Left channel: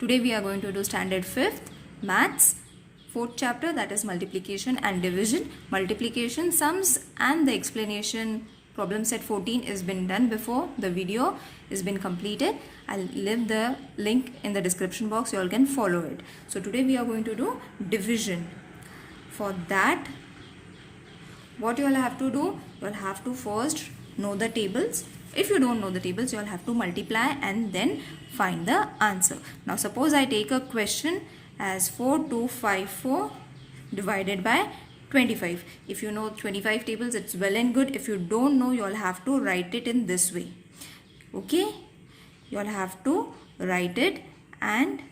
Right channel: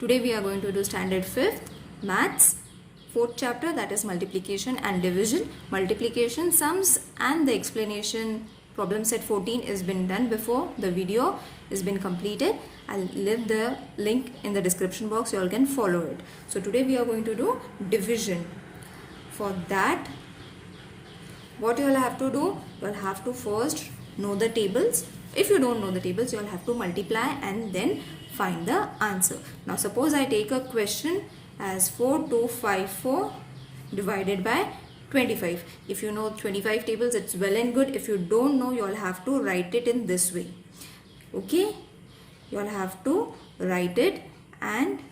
Today we are going to do standard 5th maths 4th chapter, that is multiplication and division. Multiplication, sums and the explanation problem set 14 is been done before. The video is been completed. I'll leave the link in the description box. You all can follow it. So today we are going to do division. For that, what you all have to do, you all have to first know the tables. If you don't know the tables, you all have to multiply and then find the answer. Now suppose I take a question as 4254 divided by 25. If you know 25 tables, it's well and good. If you don't know, you all have to write it in this way. Okay? You all have to write it and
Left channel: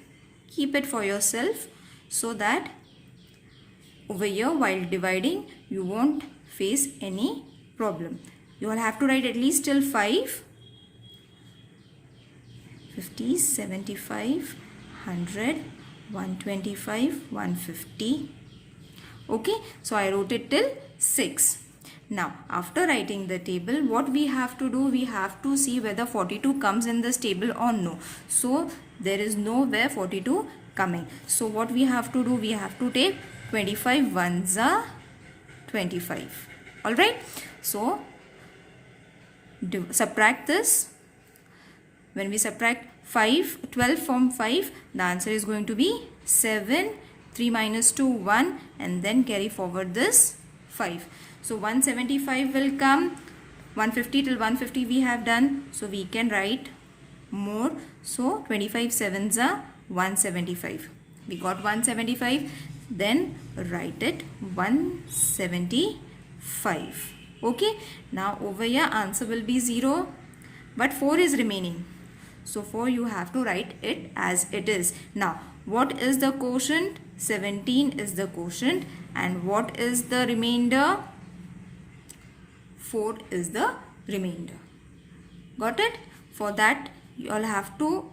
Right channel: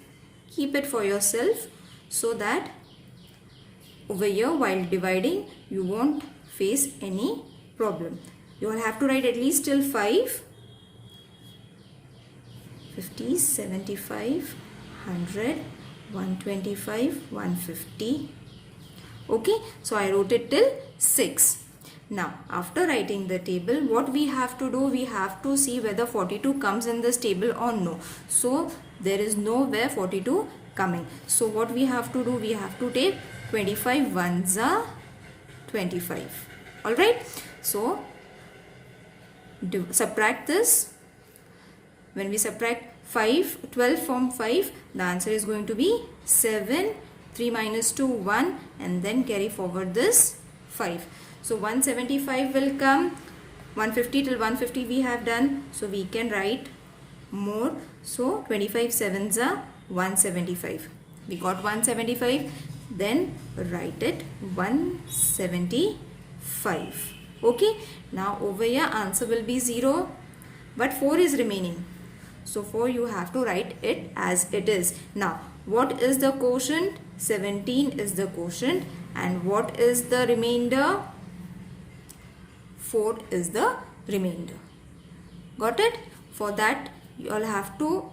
keep it for yourself so that over here while dividing you won't face any problem. You all have to write at least till 5, 50, 75, 100, 125, 150. Okay, so I wrote it till 6. Now, after writing the table, what we have to do, we have to see whether 42 comes in this table or no. So, there is nowhere 42 coming. So, what we have to do, we have to take 25 ones are 25. Alright, so subtract this. When we subtract 12 from 5, the answer is going to be 7. 3 minus 2, 1, and then carry forward this 5. So 175 will come. 150 till 150 we have done. So we can write more. So 25 sevens are 175. We got 175. Then write it 175. Okay. Now over here answer will be 0. But 4 is remaining. So 4 you have to write it as it is. Now what is the quotient? 17 is the quotient. And what is the remainder? 4 is the remainder. Got it? For that you all have to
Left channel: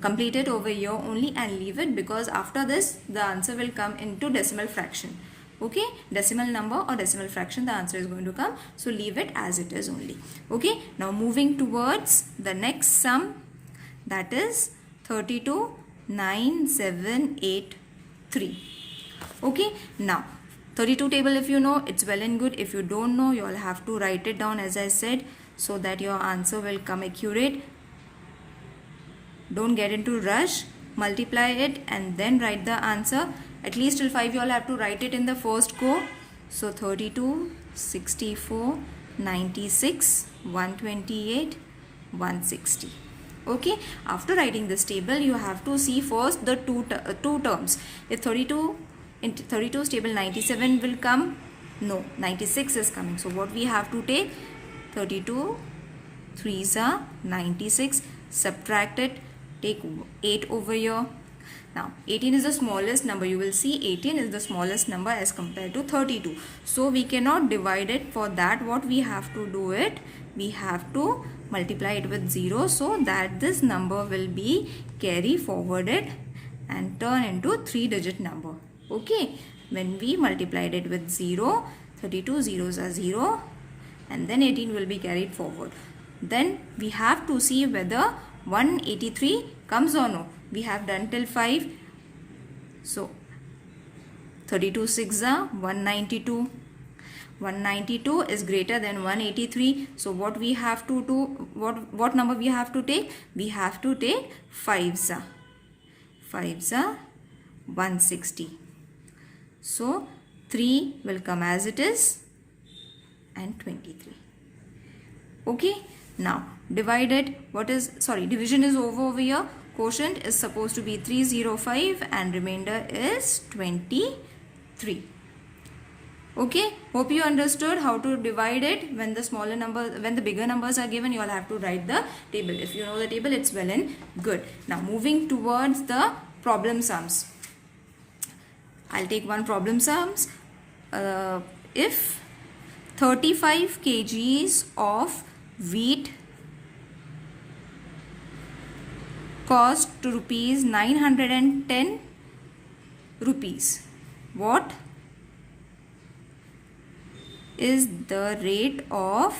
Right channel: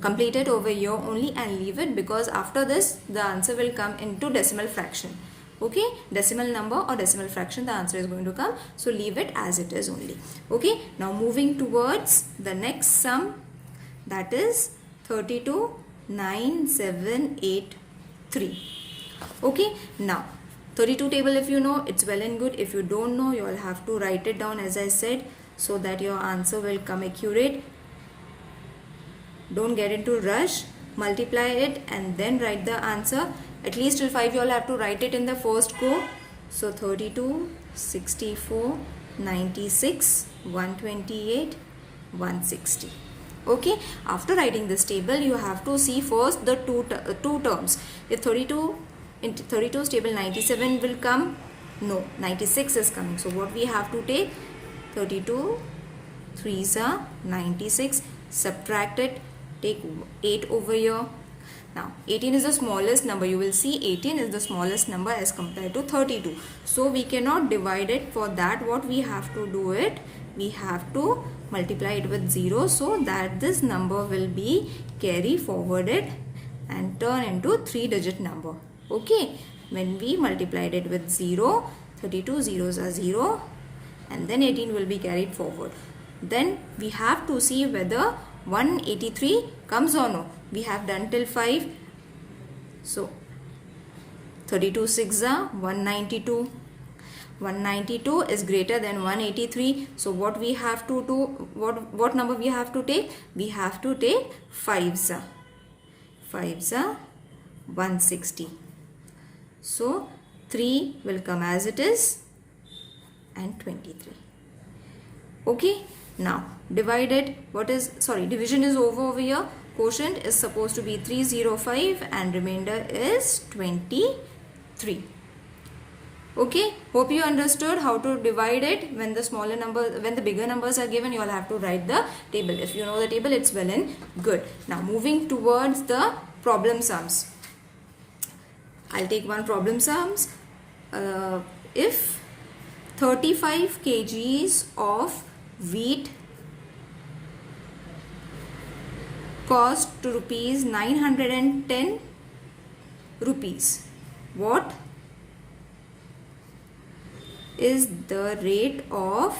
complete it over here only and leave it, because after this the answer will come into decimal fraction. Okay, decimal number or decimal fraction, the answer is going to come. So leave it as it is only. Okay, now moving towards the next sum, that is 32,9,783. Okay, now 32 table, if you know, it's well and good. If you don't know, you all have to write it down as I said, so that your answer will come accurate. Don't get into rush. Multiply it and then write the answer. At least till 5 you all have to write it in the first go. So 32, 64, 96, 128, 160. Okay, after writing this table you have to see first the two terms. If 32 in 32's table 97 will come, no, 96 is coming. So what we have to take, 32 3s are 96, subtract it, take 8 over here. Now 18 is the smallest number. You will see 18 is the smallest number as compared to 32. So we cannot divide it. For that what we have to do it, we have to multiply it with 0 so that this number will be carry forwarded and turn into 3-digit number. Okay, when we multiplied it with 0, 32 zeros are 0 and then 18 will be carried forward. Then we have to see whether 183 comes or no. We have done till 5. So 32 6 are 192. 192 is greater than 183. So what we have to do, what number we have to take? We have to take 5s. 5s are 160. So 3 will come as it is and 23. Okay. Now divided, division is over here. Quotient is supposed to be 305 and remainder is 23. Okay, hope you understood how to divide it. When the bigger numbers are given, you all have to write the table. If you know the table, it's well and good. Now moving towards the problem sums. I'll take one problem sums. If 35 kgs of wheat cost to rupees 910 rupees, what is the rate of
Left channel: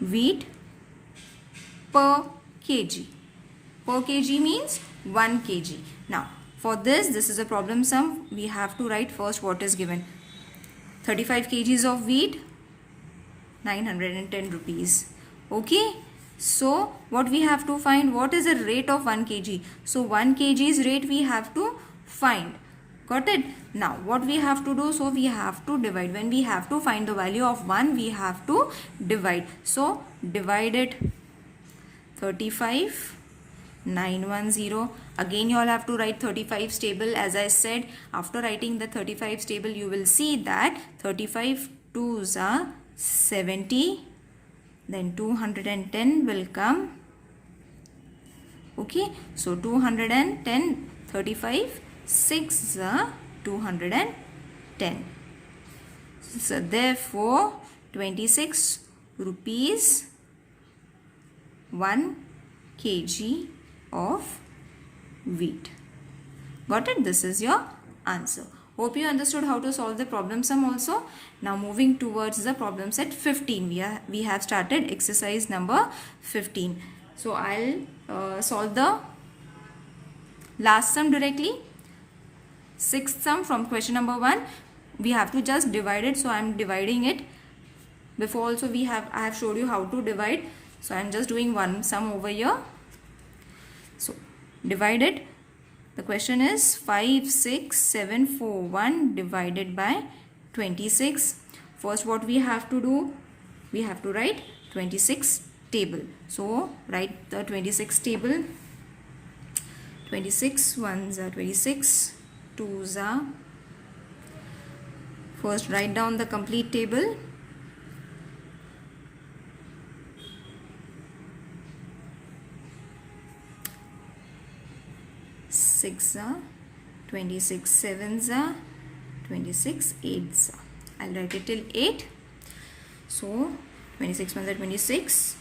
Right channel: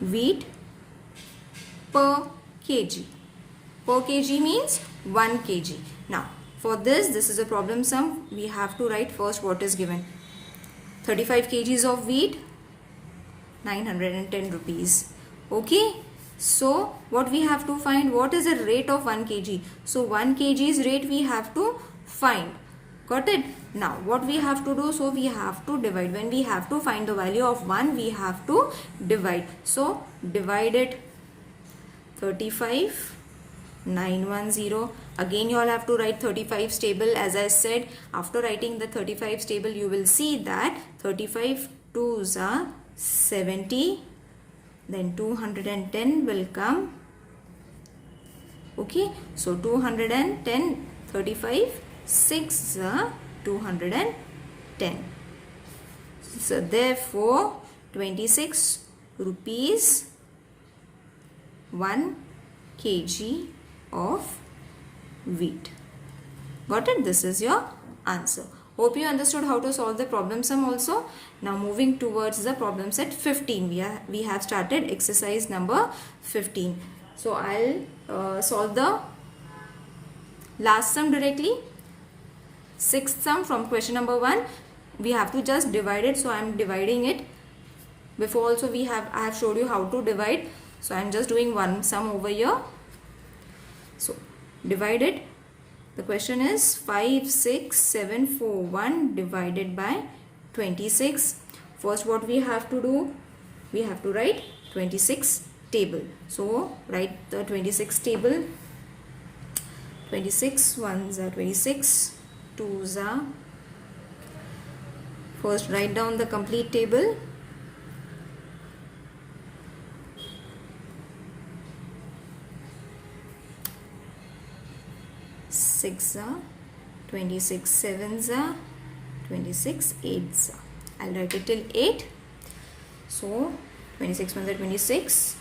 wheat per kg. Per kg means 1 kg. Now, for this is a problem sum. We have to write first what is given. 35 kgs of wheat, 910 rupees. Okay. So, what we have to find, what is the rate of 1 kg? So, 1 kg's rate we have to find. Got it? Now, what we have to do? So, we have to divide. When we have to find the value of 1, we have to divide. So, divide it. 35, 910. Again, you all have to write 35's table. As I said, after writing the 35's table, you will see that 35 2s are 70. Then 210 will come. Okay. So, 210, 35, 6 are 210. So, therefore, 26 rupees 1 kg of wheat. Got it? This is your answer. Hope you understood how to solve the problem sum also. Now moving towards the problem set 15. We have started exercise number 15. So I'll solve the last sum directly. Sixth sum from question number 1. We have to just divide it. So I am dividing it. Before also I have showed you how to divide. So I am just doing one sum over here. So divide it. The question is 56741 divided by 26. First what we have to do? We have to write 26 table. So write the 26 table. 26 ones are 26, 2s are. First write down the complete table. Six are, 26 sevens are, 26 eights are. I'll write it till 8. So 26 ones are 26,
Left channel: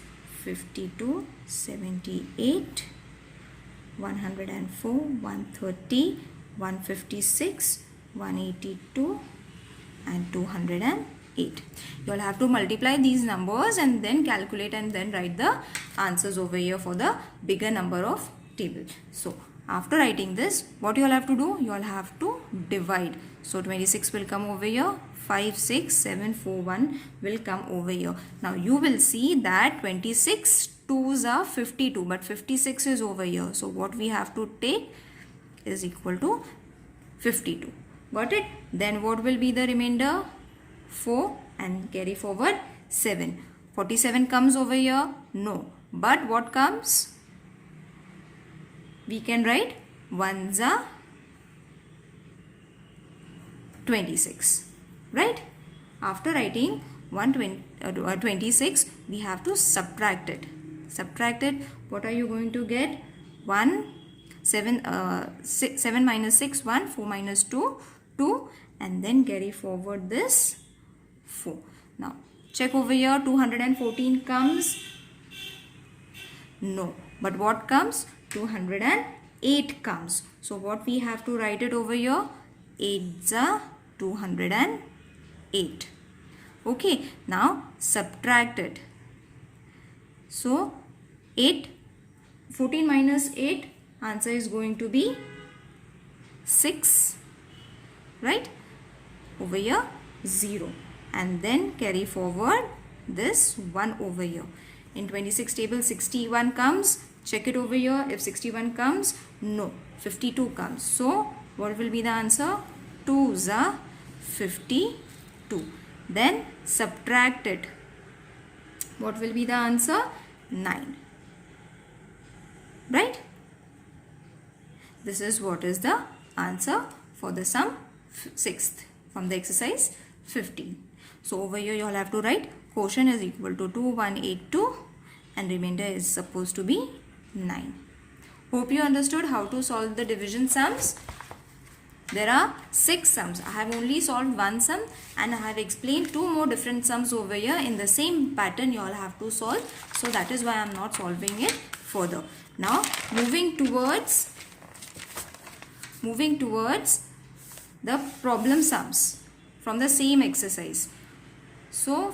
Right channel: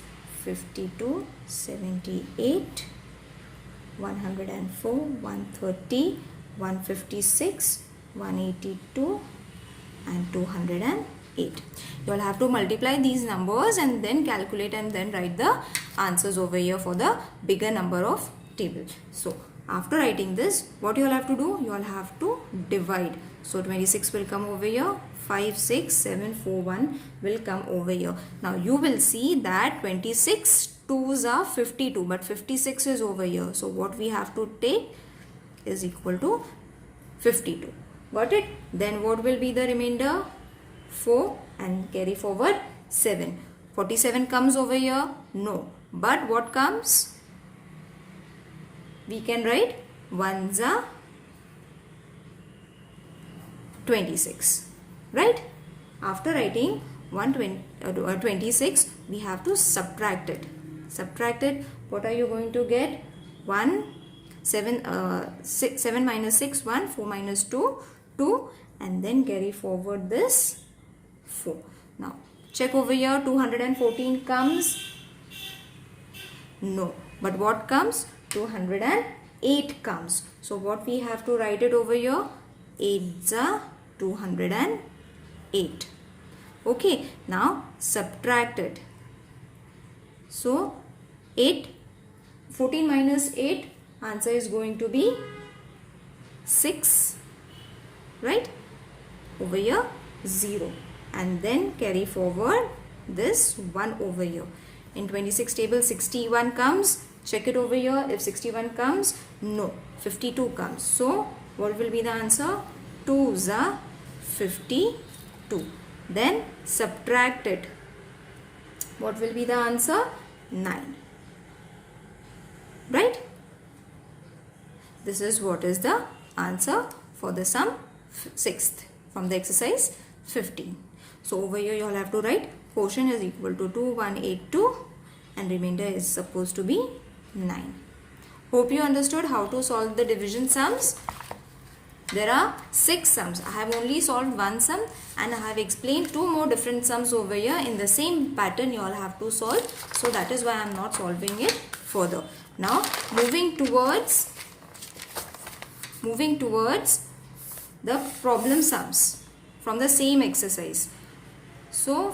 52, 78, 104, 130, 156, 182 and 208. You all have to multiply these numbers and then calculate and then write the answers over here for the bigger number of table. So after writing this, what you all have to do? You all have to divide. So 26 will come over here. 56741 will come over here. Now you will see that 26 2s are 52, but 56 is over here. So what we have to take is equal to 52. Got it? Then what will be the remainder? 4 and carry forward 7. 47 comes over here? No. But what comes? We can write 1s are 26. Right? After writing 26, we have to subtract it. Subtract it. What are you going to get? 7 minus 6, 1, 4 minus 2, 2 and then carry forward this 4. Now check over here, 214 comes? No. But what comes? 208 comes. So what we have to write it over here? 8s are 208. Okay. Now subtract it. So 14 minus 8, answer is going to be 6. Right? Over here 0. And then carry forward this 1 over here. In 26 table 61 comes. Check it over here. If 61 comes, no. 52 comes. So what will be the answer? 2s are 52. Then subtract it. What will be the answer? 9. Right? This is what is the answer for the sum 6th from the exercise 15. So over here you all have to write quotient is equal to 2182 and remainder is supposed to be 9. Hope you understood how to solve the division sums. There are 6 sums. I have only solved one sum and I have explained 2 more different sums over here in the same pattern you all have to solve. So that is why I am not solving it further. Now moving towards the problem sums from the same exercise. So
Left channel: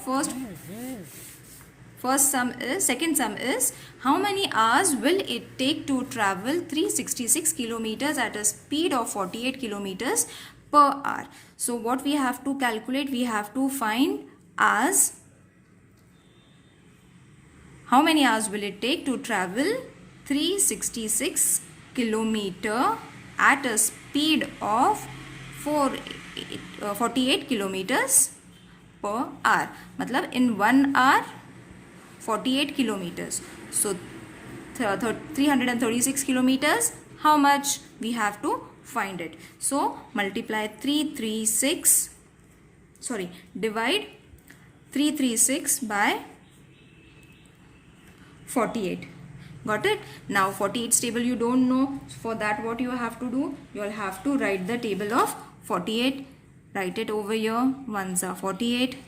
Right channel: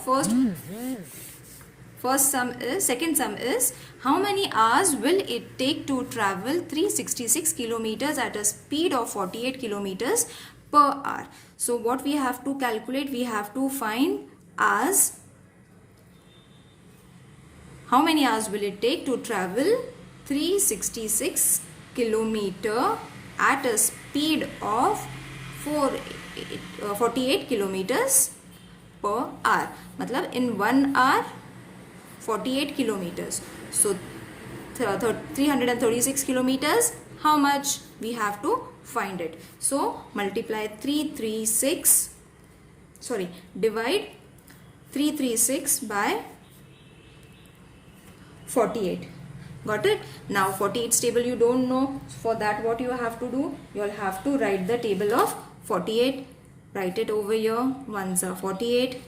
second sum is How many hours will it take to travel 366 kilometers at a speed of 48 kilometers per hour? So what we have to calculate, we have to find hours. How many hours will it take to travel 366 kilometer at a speed of 48 kilometers per hour? मतलब in 1 hour 48 kilometers. So 336 kilometers, how much? We have to find it. So multiply divide 336 by 48. Got it? Now 48 table you don't know. For that what you have to do? You will have to write the table of 48. Write it over here. 1s are 48.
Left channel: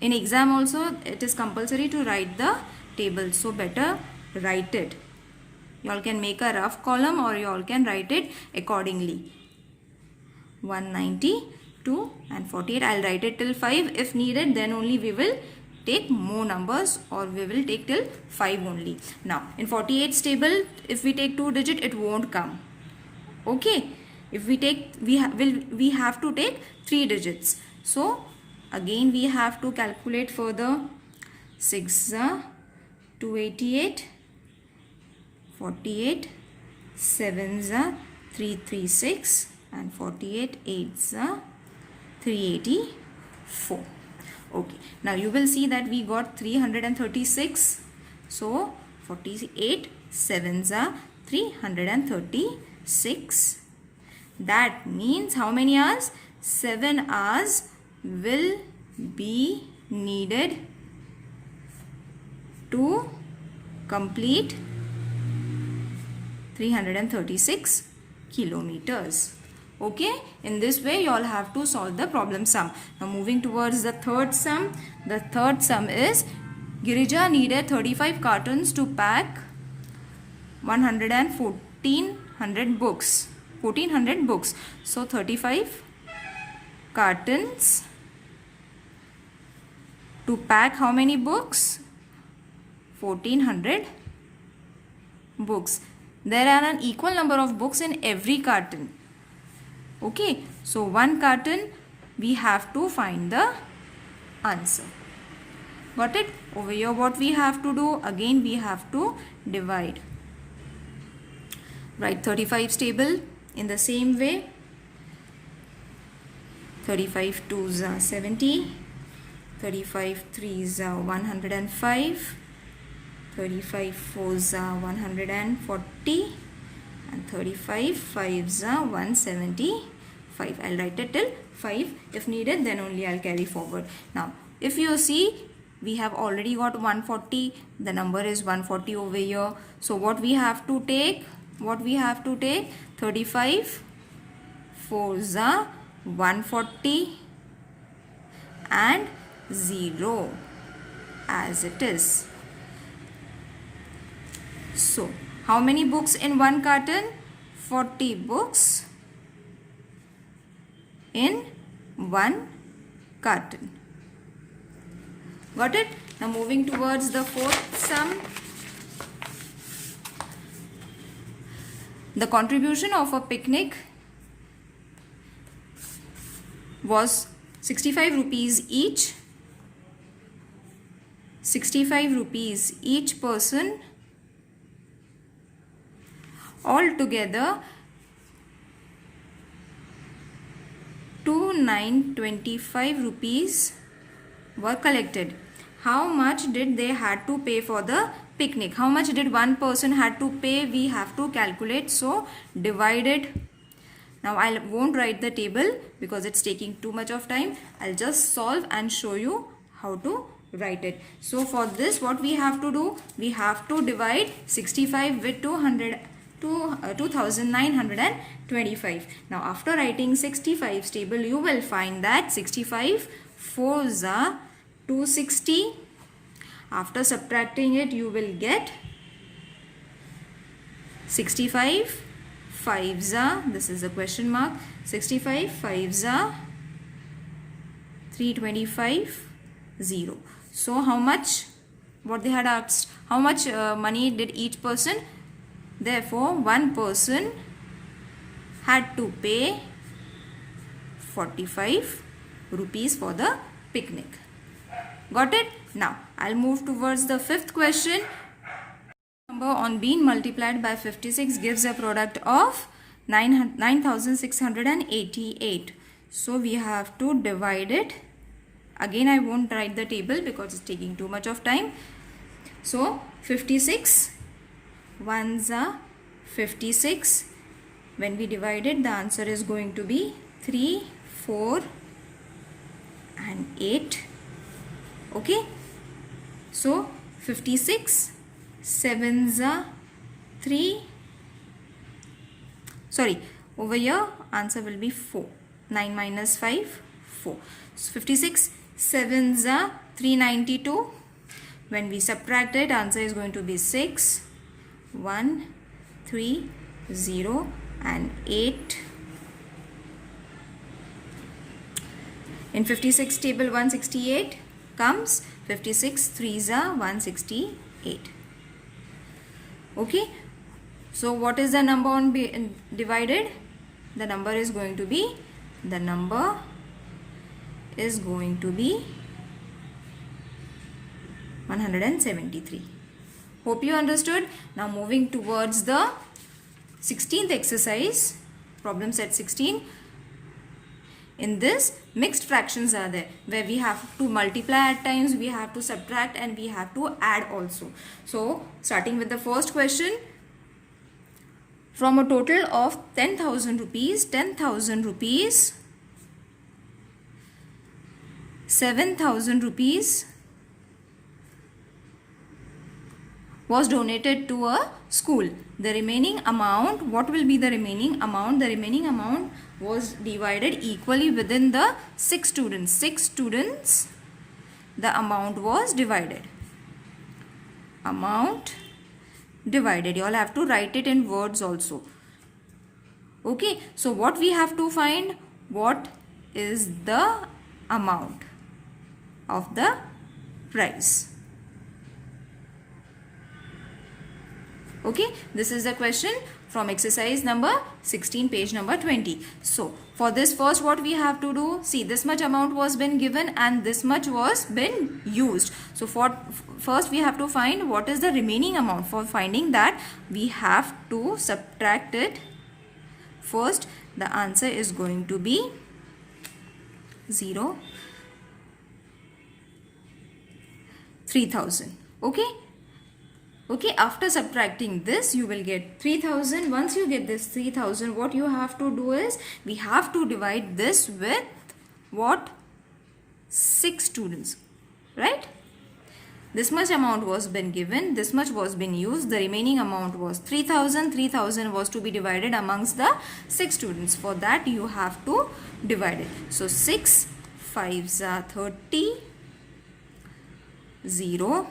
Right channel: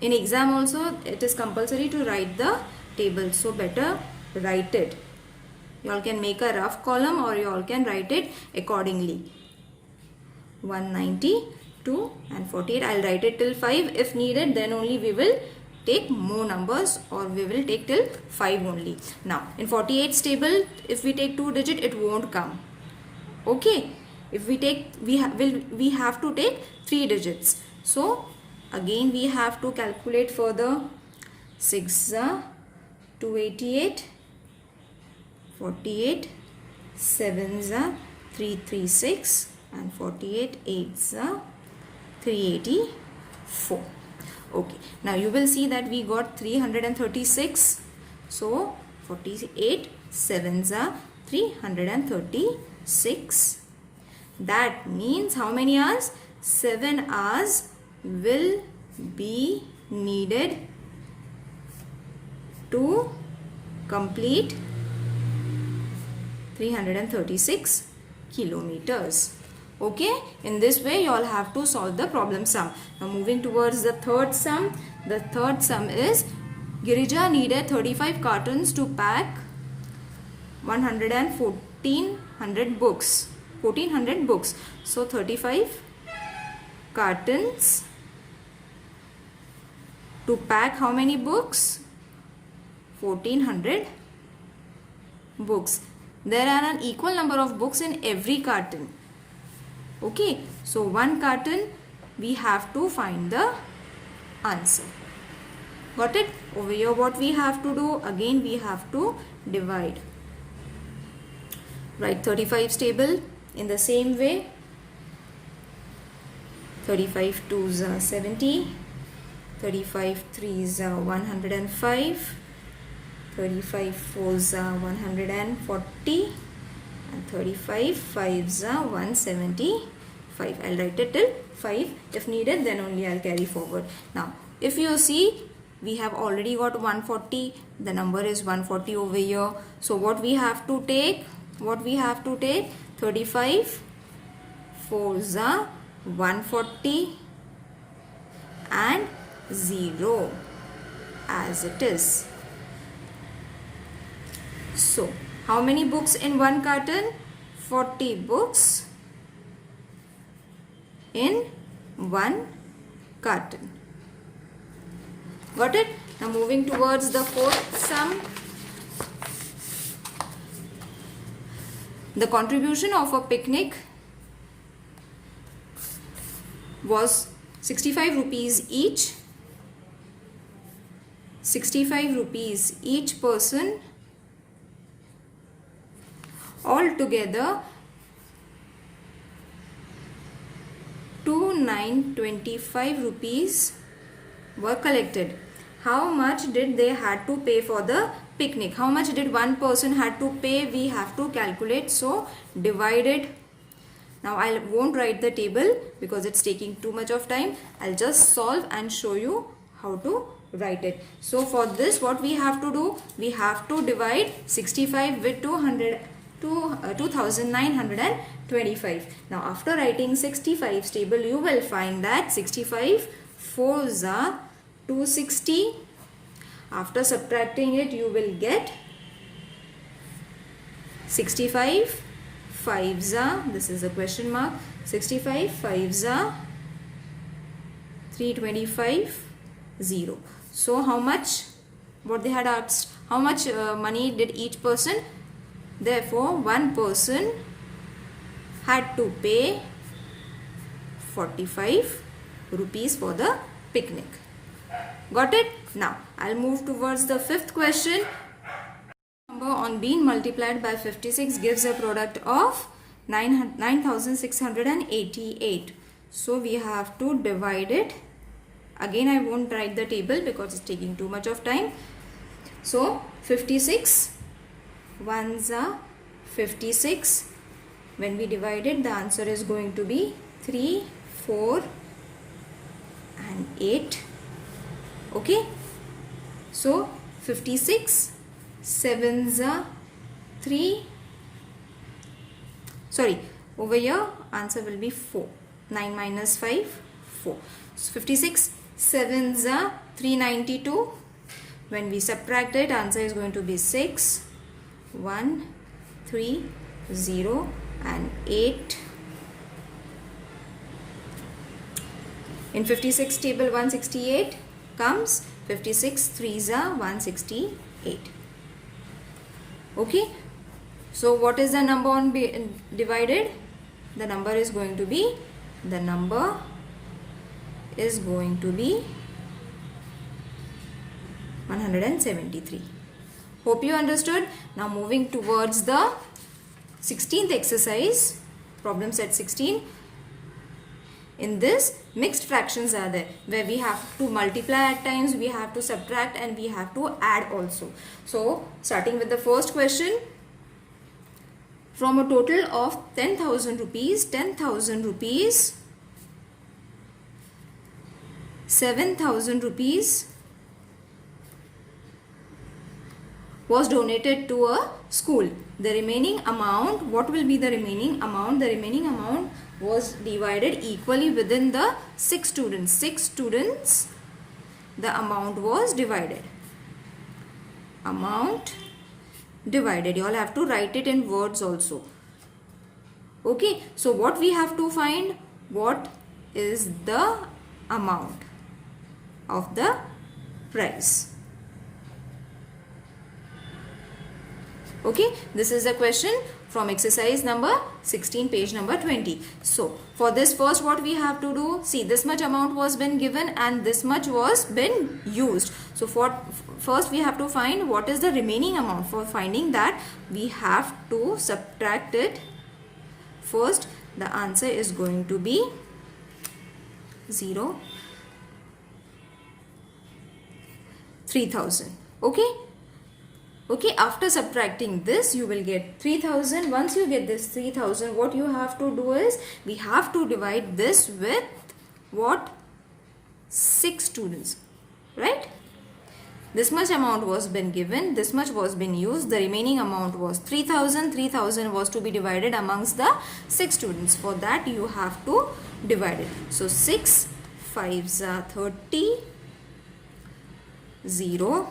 In exam also it is compulsory to write the table. So better write it. You all can make a rough column or you all can write it accordingly. 192 and 48. I'll write it till 5. If needed, then only we will take more numbers, or we will take till 5 only. Now in 48 table, if we take 2 digit, it won't come. Okay. If we take, we have to take 3 digits. So again we have to calculate further. 6 288, 48, 7 336 and 48, 8 384. Okay, now you will see that we got 336. So 48 7s are 336. That means how many hours? 7 hours will be needed to complete 336 kilometers. Okay, in this way you all have to solve the problem sum. Now moving towards the third sum. The third sum is Girija needed 35 cartons to pack 1400 books. 1400 books. So 35 cartons to pack how many books? 1400 books. There are an equal number of books in every carton. Okay, so one carton we have to find the answer. Got it? Over here what we have to do? Again we have to divide. Write 35's table in the same way. 35 2s are 70. 35 3s are 105. 35 4s are 140. And 35 5s are 175. I'll write it till 5. If needed, then only I'll carry forward. Now, if you see, we have already got 140. The number is 140 over here. So what we have to take? 35 4s are 140 and 0 as it is. So how many books in one carton? 40 books in one carton. Got it? Now moving towards the fourth sum. The contribution of a picnic was 65 rupees each. 65 rupees each person. Altogether 2925 rupees were collected. How much did they had to pay for the picnic? How much did one person had to pay? We have to calculate. So divide it. Now I won't write the table because it's taking too much of time. I'll just solve and show you how to write it. So for this what we have to do? We have to divide 65 with 2925. Now after writing 65's table, you will find that 65 4s are 260. After subtracting it, you will get 65 5s are, this is a question mark, 65 5s are 325 0. So how much? What they had asked? How much money did each person? Therefore, one person had to pay 45 rupees for the picnic. Got it? Now, I'll move towards the fifth question. Number on being multiplied by 56 gives a product of 9688. So, we have to divide it. Again, I won't write the table because it's taking too much of time. So, 56 ones are 56. When we divide it, the answer is going to be 3, 4 and 8. Okay. So, 56 sevens are 3. Sorry, over here answer will be 4. 9 minus 5, 4. So, 56 sevens are 392. When we subtract it, answer is going to be 6, 1, 3, 0 and 8. In 56 table 168 comes 56 3s are 168. Okay. So what is the number on divided? The number is going to be 173. Hope you understood. Now moving towards the 16th exercise, problem set 16. In this, mixed fractions are there where we have to multiply at times, we have to subtract and we have to add also. So starting with the first question, from a total of 10,000 rupees, 7,000 rupees was donated to a school. The remaining amount, what will be the remaining amount? The remaining amount was divided equally within the 6 students. 6 students, the amount was divided. Amount divided. You all have to write it in words also. Okay. So what we have to find? What is the amount of the prize? Okay, this is a question from exercise number 16, page number 20. So, for this first what we have to do, see this much amount was been given and this much was been used. So, for first we have to find what is the remaining amount. For finding that, we have to subtract it. First, the answer is going to be 0, 3,000. Okay. Okay, after subtracting this, you will get 3,000. Once you get this 3,000, what you have to do is, we have to divide this with what? 6 students, right? This much amount was been given, this much was been used, the remaining amount was 3,000. 3,000 was to be divided amongst the 6 students. For that, you have to divide it. So, 6 5s are 30, 0,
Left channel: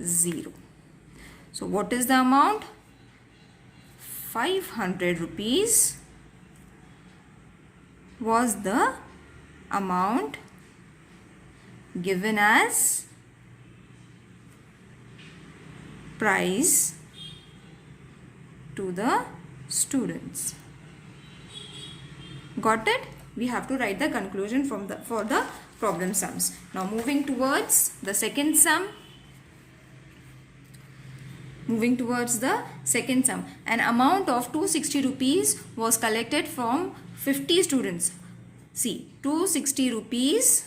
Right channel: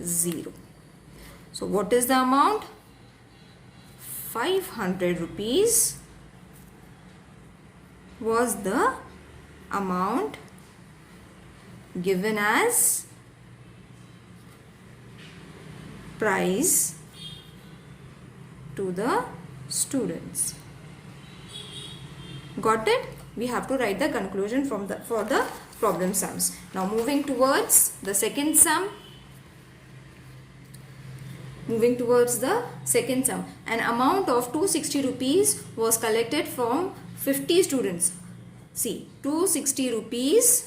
0. So what is the amount? 500 rupees was the amount given as prize to the students. Got it? We have to write the conclusion for the problem sums. Now moving towards the second sum. Moving towards the second sum. An amount of 260 rupees was collected from 50 students. See, 260 rupees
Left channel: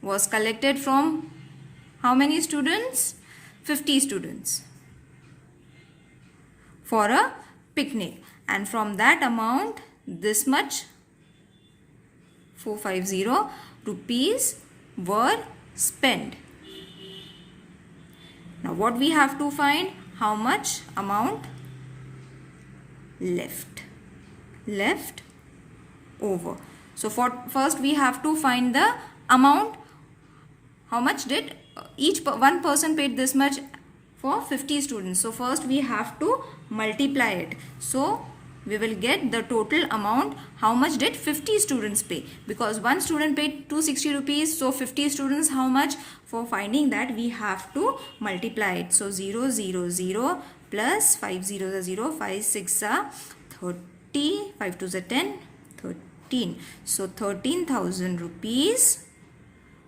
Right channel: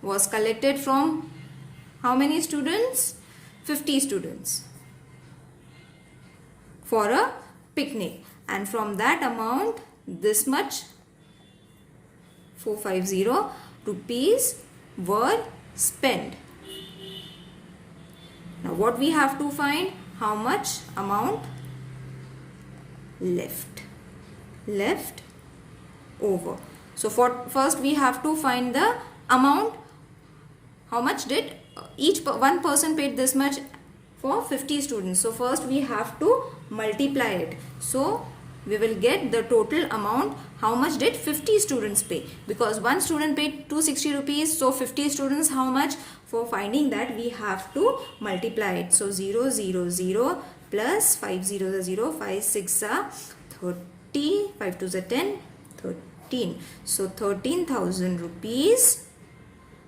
was collected from how many students? 50 students for a picnic. And from that amount, this much 450 rupees were spent. Now what we have to find? How much amount left over. So first we have to find the amount. How much did one person paid this much for 50 students. So first we have to multiply it. So we will get the total amount. How much did 50 students pay? Because one student paid 260 rupees. So 50 students, how much? For finding that, we have to multiply it. So 0, 0, 0 plus 5 0 0, 5 6 are 30, 5 2 are 10, 13. So 13,000 rupees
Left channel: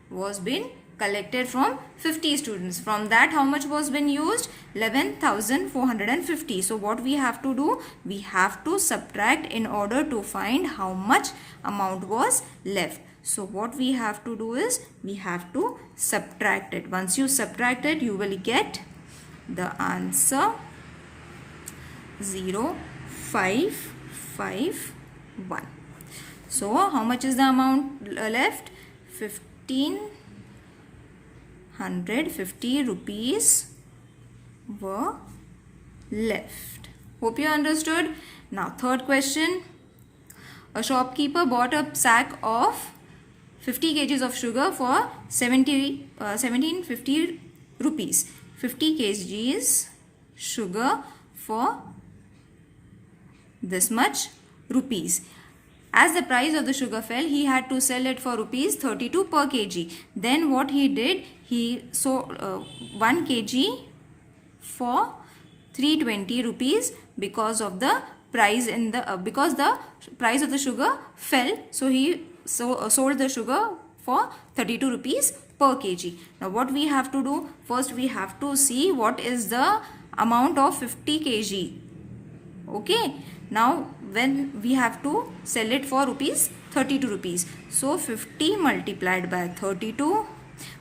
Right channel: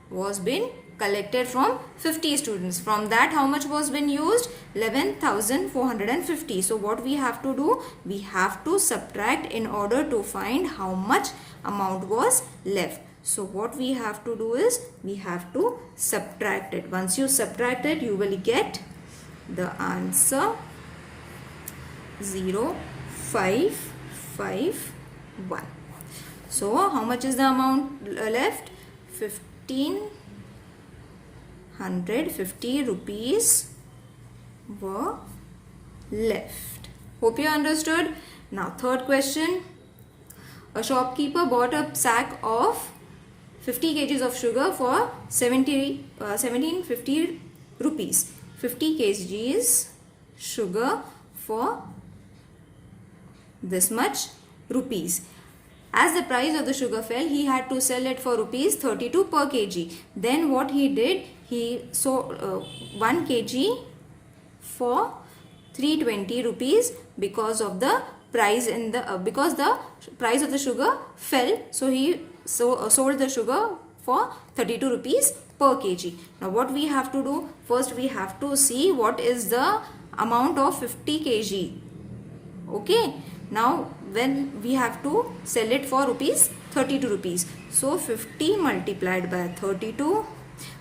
was been collected from 50 students. From that, how much was been used? 11,450. So what we have to do? We have to subtract in order to find how much amount was left. So what we have to do is, we have to subtract it. Once you subtract it, you will get the answer 0551. So how much is the amount left? 1,550 rupees were left. Hope you understood. Now third question. A shopkeeper bought a sack of 50 kgs of sugar for 1750 rupees. 50 kgs sugar for this much rupees. As the price of the sugar fell, he had to sell it for rupees 32 per kg. Then what he did, he sold 1 kg for 320 rupees because of the price in the because the price of the sugar fell. So he sold the sugar for 32 rupees per kg. Now what we have to do? First we have to see what is the amount of 50 kg. Okay. Now then we have to sell it for rupees 32 rupees. So 50 multiplied by 32,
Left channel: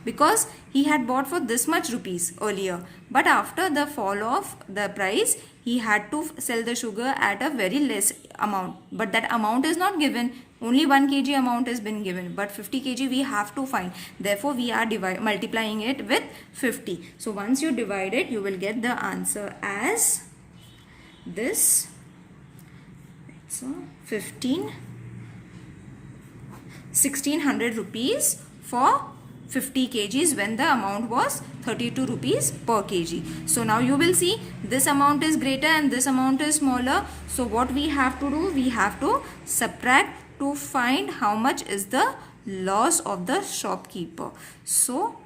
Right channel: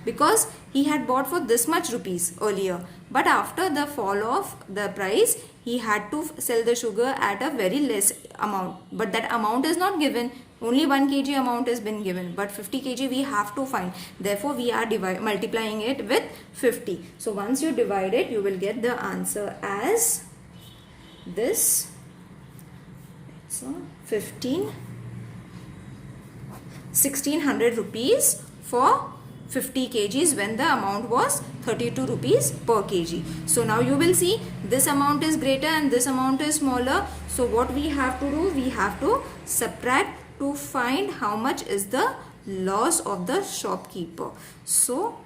because he had bought for this much rupees earlier, but after the fall of the price, he had to sell the sugar at a very less amount. But that amount is not given. Only 1 kg amount has been given, but 50 kg we have to find. Therefore we are multiplying it with 50. So once you divide it, you will get the answer as this. So 1600 rupees for 50 kgs when the amount was 32 rupees per kg. So now you will see this amount is greater and this amount is smaller. So what we have to do? We have to subtract to find how much is the loss of the shopkeeper. So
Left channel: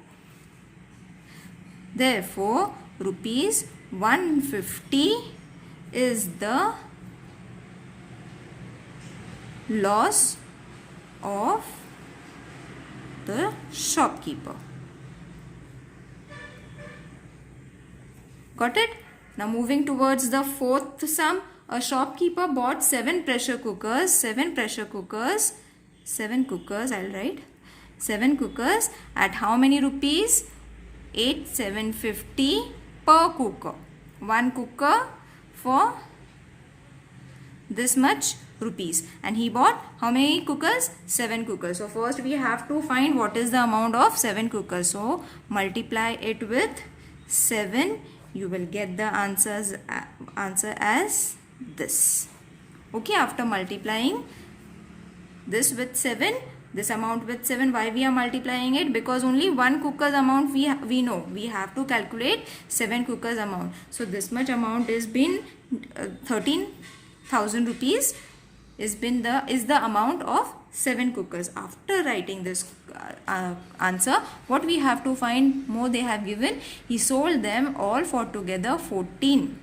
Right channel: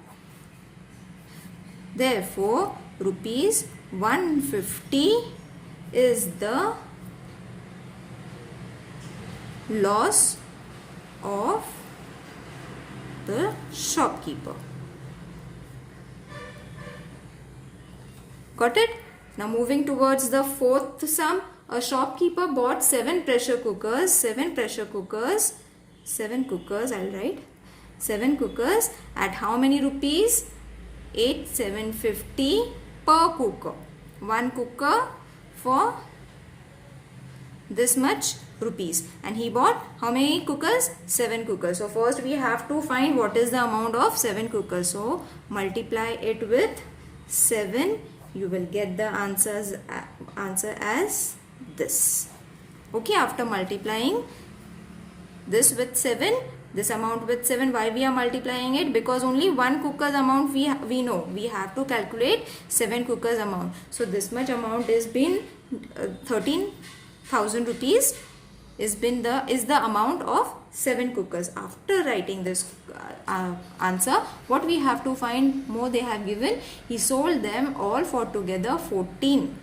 therefore rupees 150 is the loss of the shopkeeper. Got it? Now moving towards the fourth sum. A shopkeeper bought 7 pressure cookers. 7 cookers, I'll write. 7 cookers at how many rupees? 8,750 per cooker. 1 cooker for this much rupees, and he bought how many cookers? 7 cookers. So first we have to find what is the amount of 7 cookers. So multiply it with 7. You will get the answer as this. Okay, after multiplying this with 7, this amount with 7, why we are multiplying it? Because only 1 cooker's amount we know. We have to calculate 7 cookers amount. So this much amount has been 13,000 rupees is the amount of 7 cookers. After writing this answer, what we have to find more they have given? He sold them all for together 14.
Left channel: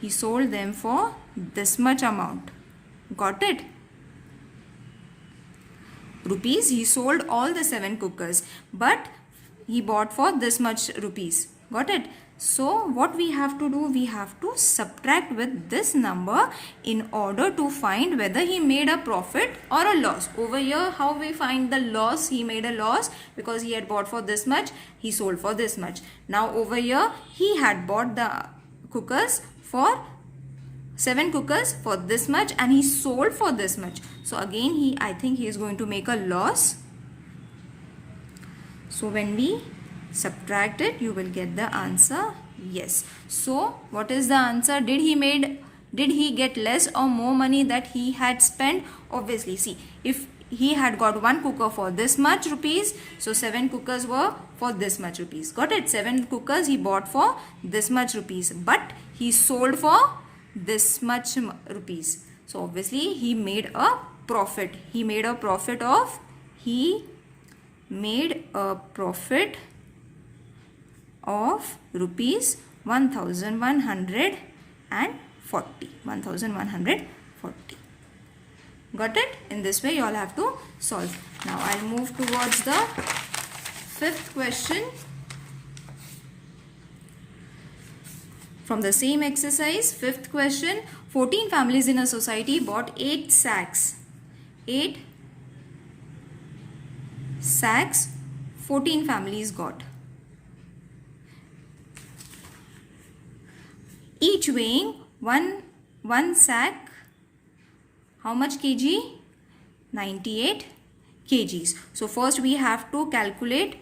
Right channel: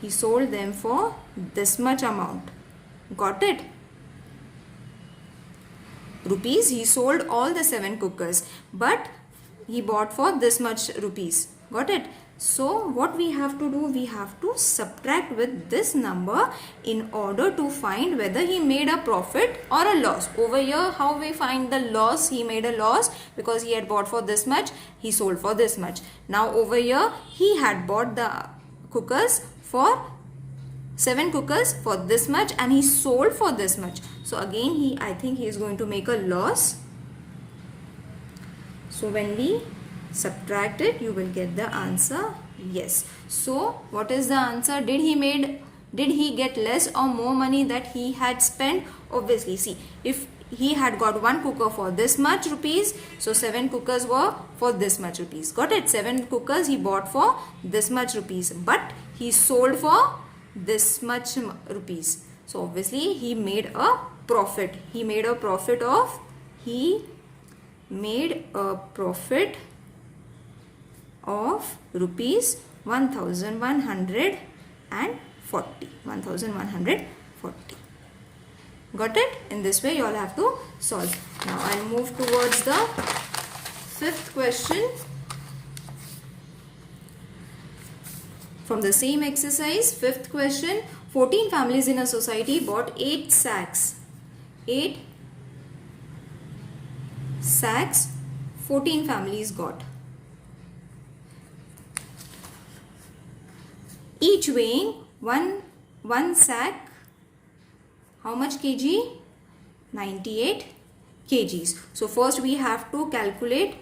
He sold them for this much amount. Got it? Rupees, he sold all the 7 cookers, but he bought for this much rupees. Got it? So what we have to do? We have to subtract with this number in order to find whether he made a profit or a loss. Over here, how we find the loss? He made a loss because he had bought for this much, he sold for this much. Now over here, he had bought the cookers for 7 cookers for this much and he sold for this much. So again, I think he is going to make a loss. So when we subtract it, you will get the answer yes. So what is the answer? Did he get less or more money that he had spent? Obviously, see, if he had got 1 cooker for this much rupees, so 7 cookers were for this much rupees. Got it? 7 cookers he bought for this much rupees, but he sold for this much rupees. So obviously he made a profit. He made a profit of rupees 1140. Got it? In this way you all have to solve. Now I'll move towards the fifth question. From the same exercise, fifth question, 14 families in a society bought 8 sacks. 8 sacks 14 families got. Each weighing one sack, how much kg? 98 kgs. So first we have to calculate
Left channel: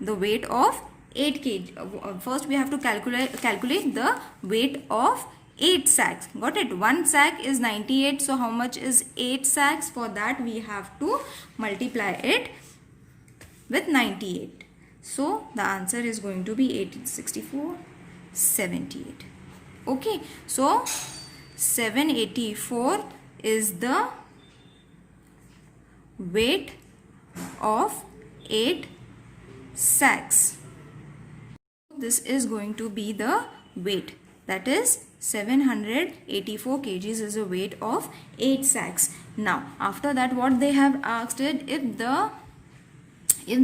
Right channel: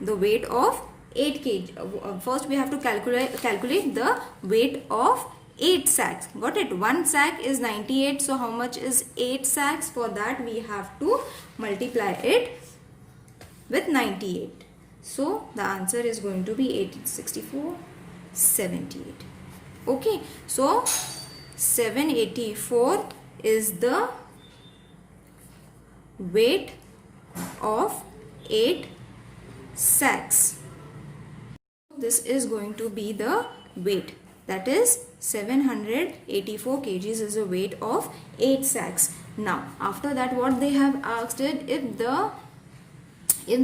the weight of 8 kg. First we have to calculate the weight of 8 sacks. Got it? 1 sack is 98. So how much is 8 sacks? For that we have to multiply it with 98. So the answer is going to be 864, 78. Okay. So 784 is the weight of 8 sacks. This is going to be the weight, that is 784 kgs is the weight of 8 sacks. Now after that what they have asked it, if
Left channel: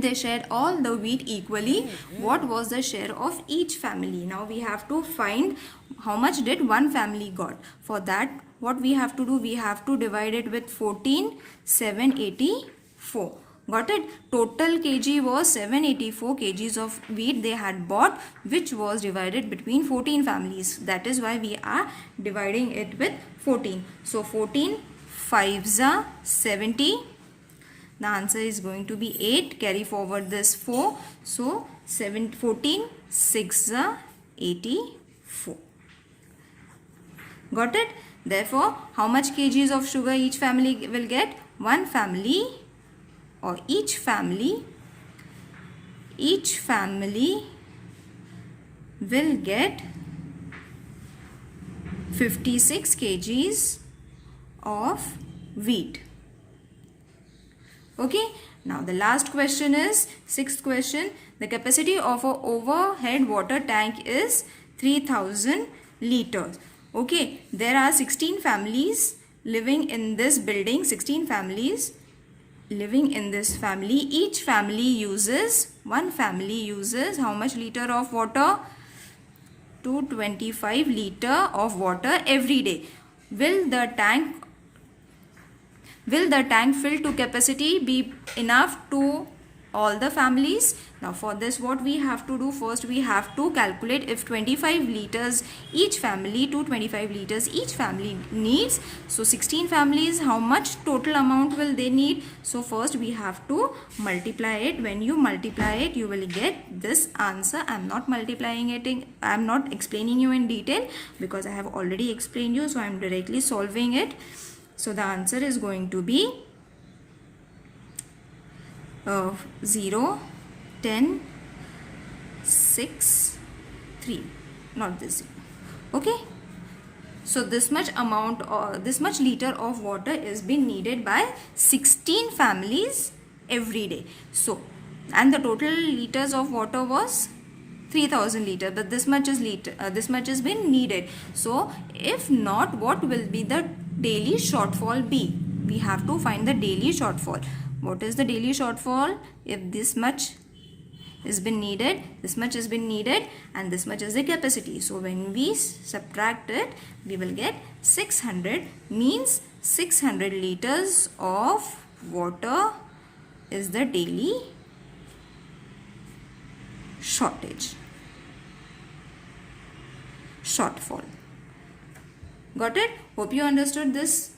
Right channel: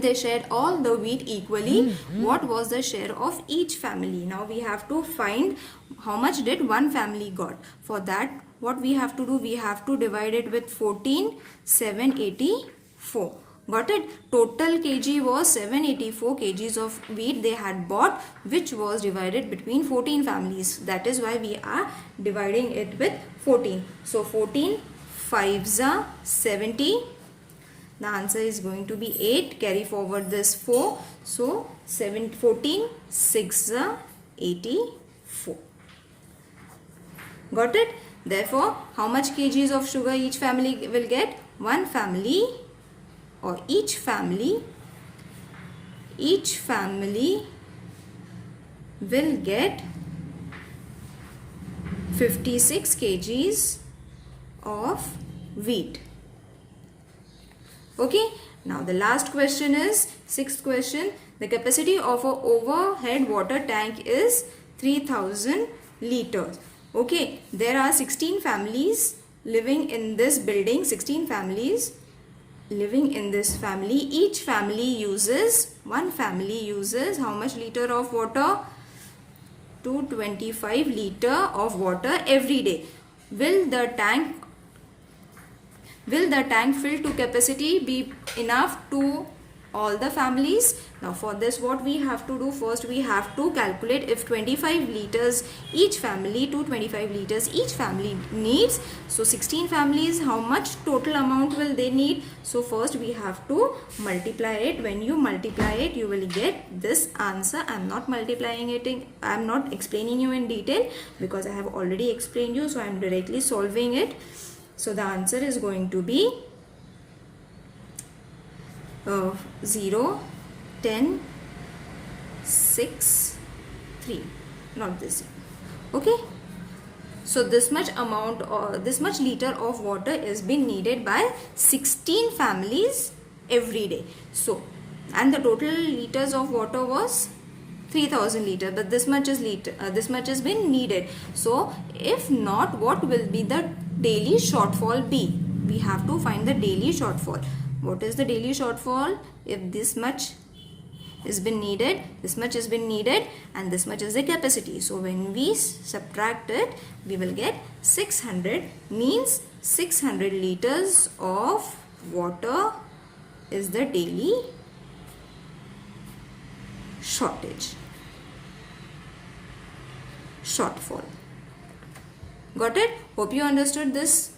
they shared all the wheat equally, what was the share of each family? Now we have to find how much did one family got. For that what we have to do, we have to divide it with 14, 784. Got it? Total kg was 784 kgs of wheat they had bought, which was divided between 14 families. That is why we are dividing it with 14. So 14 5s are 70. The answer is going to be 8. Carry forward this 4. So 14 6s are 84. Got it? Therefore, how much kgs of sugar each family will get? One family, or each family will get 56 kgs of wheat. Okay. Now the last question is sixth question. The capacity of an overhead water tank is 3000 liters. Okay. There are 16 families living in this building. 16 families living in this family. Each family uses, one family uses how much liter of water? 225 liter of water every day. Will the tank fill to capacity be enough to all the families? Now for this what we have to do, first we have to calculate if 25 liters each family, 225 liters each family needs. So 16 families, how much total amount will they need? So first we have to multiply it. When you multiply it, you will get this answer. I am not multiplying it, I am not explaining you in detail because I have already explained you. So I am directly solving it. So the answer is going to be 0, 10, 6, 3. Not this. Okay. So this much amount or this much liter of water is being needed by 16 families every day. So, and the total liters of water was 3000 liter, but this much is has been needed. So if not, what will be the daily shortfall be? We have to find the daily shortfall. What is the daily shortfall? If this much has been needed, this much has been needed, and this much is the capacity. So when we subtract it, we will get 600, means 600 liters of water is the daily shortfall. Got it? Hope you understood this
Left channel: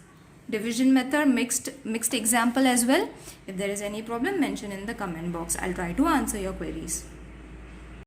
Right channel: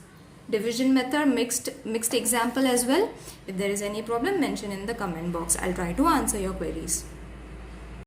division method, mixed example as well. If there is any problem, mention in the comment box. I'll try to answer your queries.